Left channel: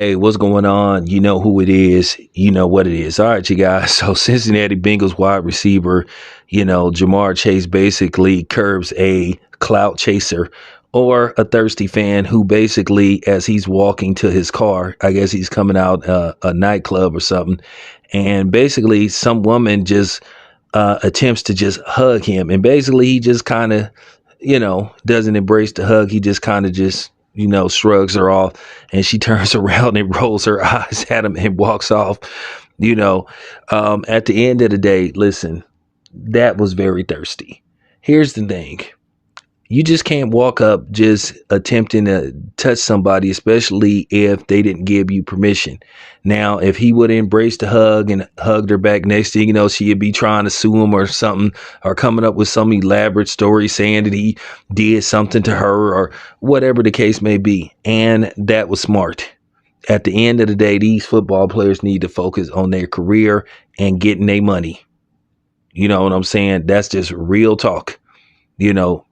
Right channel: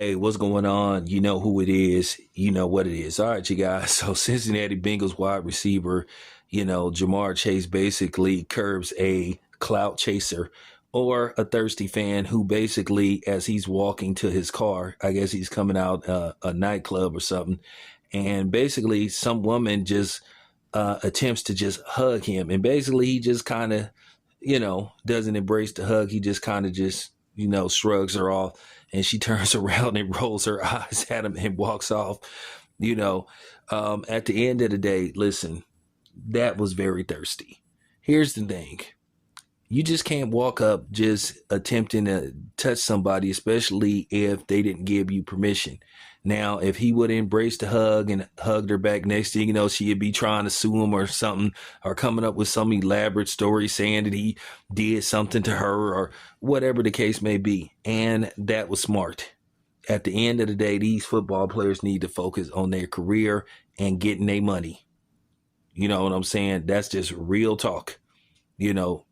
Hey, what's going on? You know who it is. You know what it is. All right, you guys. So Cincinnati Bengals wide receiver, Jamar Chase basically curbs a clout chaser or a thirsty fan who basically, as he's walking to his car, I guess he's coming out a nightclub or something, and basically some woman just attempts to just hug him, and basically he just kind of, doesn't embrace the hug. He just kind of just shrugs her off, and she turns around and rolls her eyes at him and walks off. At the end of the day, listen, that was very thirsty. Here's the thing. You just can't walk up just attempting to touch somebody, especially if they didn't give you permission. Now, if he would have embraced the hug and hugged her back, next thing you know, she'd be trying to sue him or something, or coming up with some elaborate story saying that he did something to her or whatever the case may be. And that was smart. At the end of the day, these football players need to focus on their career and getting their money. You know what I'm saying? That's just real talk. You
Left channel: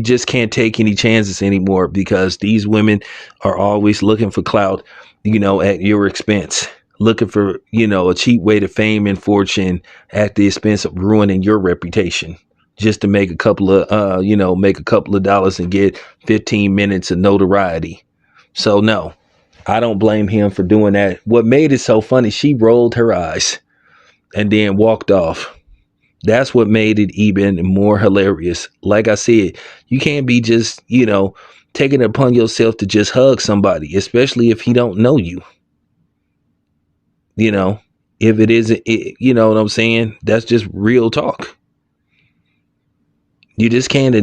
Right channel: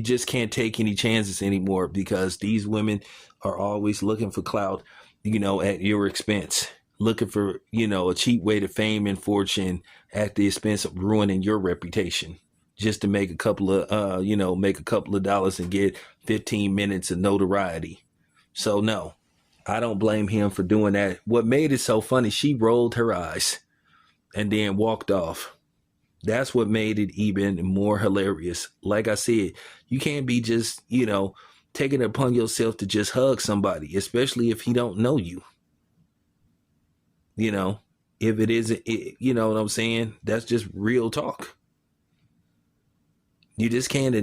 just can't take any chances anymore, because these women are always looking for clout, at your expense, looking for, a cheap way to fame and fortune at the expense of ruining your reputation, just to make a couple of, make a couple of dollars and get 15 minutes of notoriety. So no, I don't blame him for doing that. What made it so funny, she rolled her eyes and then walked off. That's what made it even more hilarious. Like I said, you can't be just, taking it upon yourself to just hug somebody, especially if he don't know you. If it isn't, you know what I'm saying? That's just real talk. You just can't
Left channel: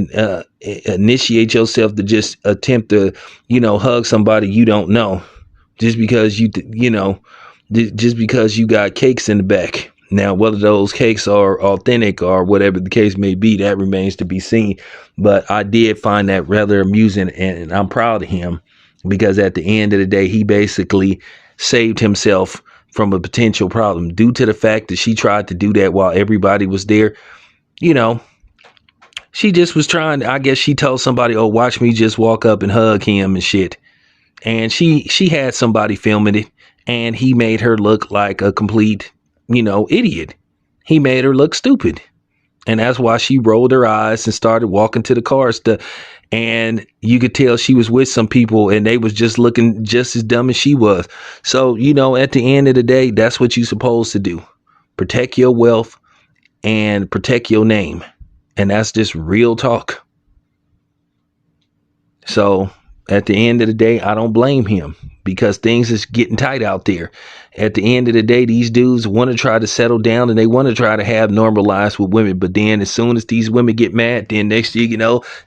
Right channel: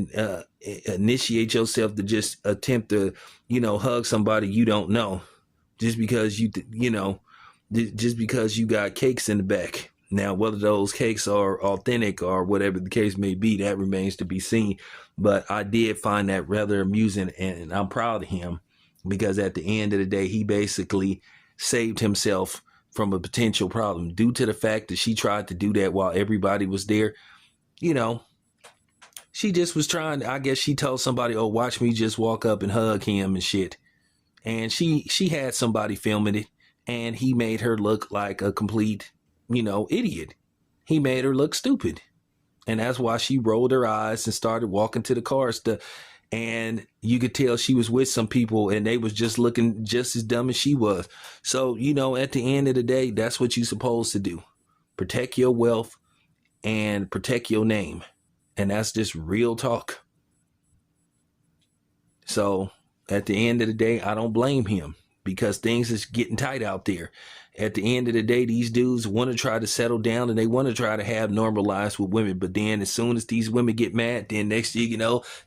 initiate yourself to just attempt to, hug somebody you don't know, just because just because you got cakes in the back. Now, whether those cakes are authentic or whatever the case may be, that remains to be seen. But I did find that rather amusing, and I'm proud of him, because at the end of the day, he basically saved himself from a potential problem due to the fact that she tried to do that while everybody was there. She just was trying. I guess she told somebody, "Oh, watch me just walk up and hug him and shit." And she had somebody filming it, and he made her look like a complete idiot. He made her look stupid. And that's why she rolled her eyes and started walking to the car stuff. And you could tell she was with some people, and they was just looking just as dumb as she was. So, at the end of the day, that's what you're supposed to do. Protect your wealth and protect your name. And that's just real talk. So at the end of the day, I don't blame him, because things is getting tight out there. At the end of the day, these dudes want to try to settle down, and they want to try to have normal lives with women. But then as soon as these women get mad, then next thing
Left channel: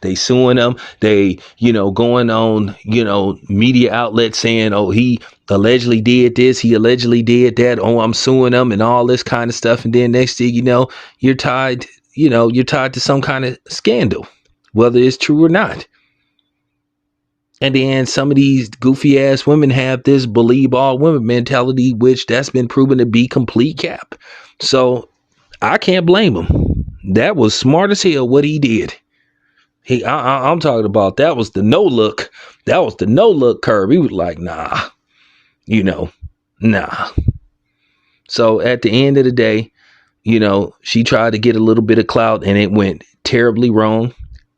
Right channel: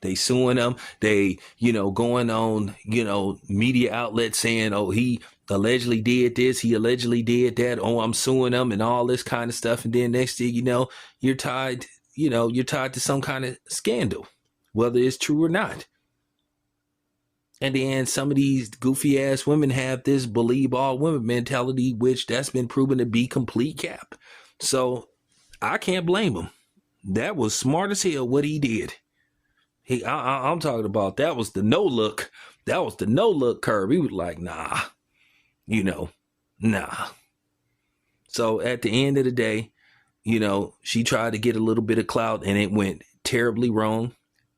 they suing them. They, going on, media outlets saying, oh, he allegedly did this, he allegedly did that. Oh, I'm suing them and all this kind of stuff. And then next thing you're tied, you're tied to some kind of scandal, whether it's true or not. And then some of these goofy ass women have this believe all women mentality, which that's been proven to be complete cap. So I can't blame him. That was smart as hell what he did. I'm talking about, that was the no look. That was the no look curve. He was like, nah, nah. So at the end of the day, she tried to get a little bit of clout, and it went terribly wrong.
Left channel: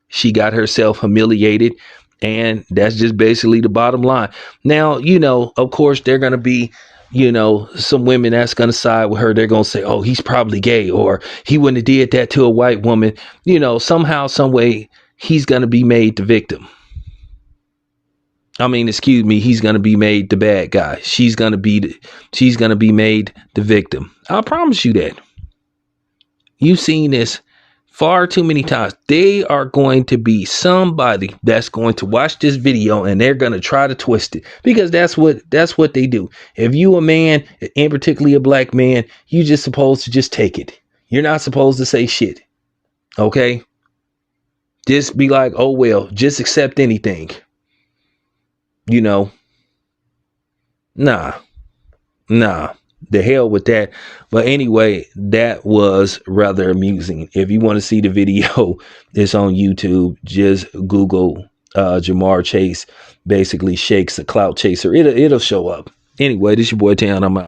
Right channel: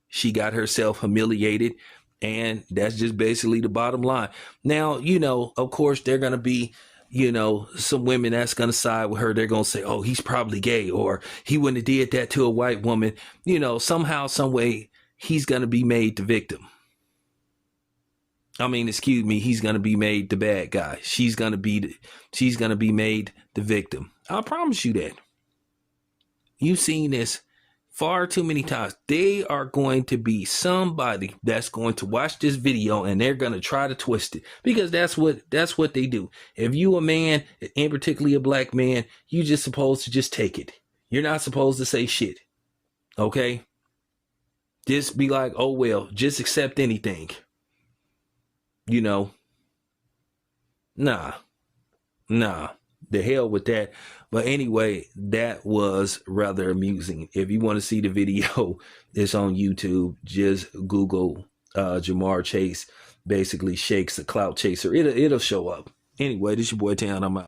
She got herself humiliated. And that's just basically the bottom line. Now, of course, they're going to be, some women that's going to side with her. They're going to say, oh, he's probably gay, or he wouldn't have did that to a white woman. Somehow, some way, he's going to be made the victim. He's going to be made the bad guy. She's going to be made the victim. I promise you that. You've seen this far too many times. They are going to be somebody that's going to watch this video, and they're going to try to twist it, because that's what they do. If you a man, and particularly a black man, you just supposed to just take it. You're not supposed to say shit. Okay? Just be like, oh, well, just accept anything. Nah. The hell with that. But anyway, that was rather amusing. If you want to see the video, it's on YouTube. Just Google Jamar Chase basically shakes a clout chaser, it'll show up. Anyway, this your boy Town. I'm out.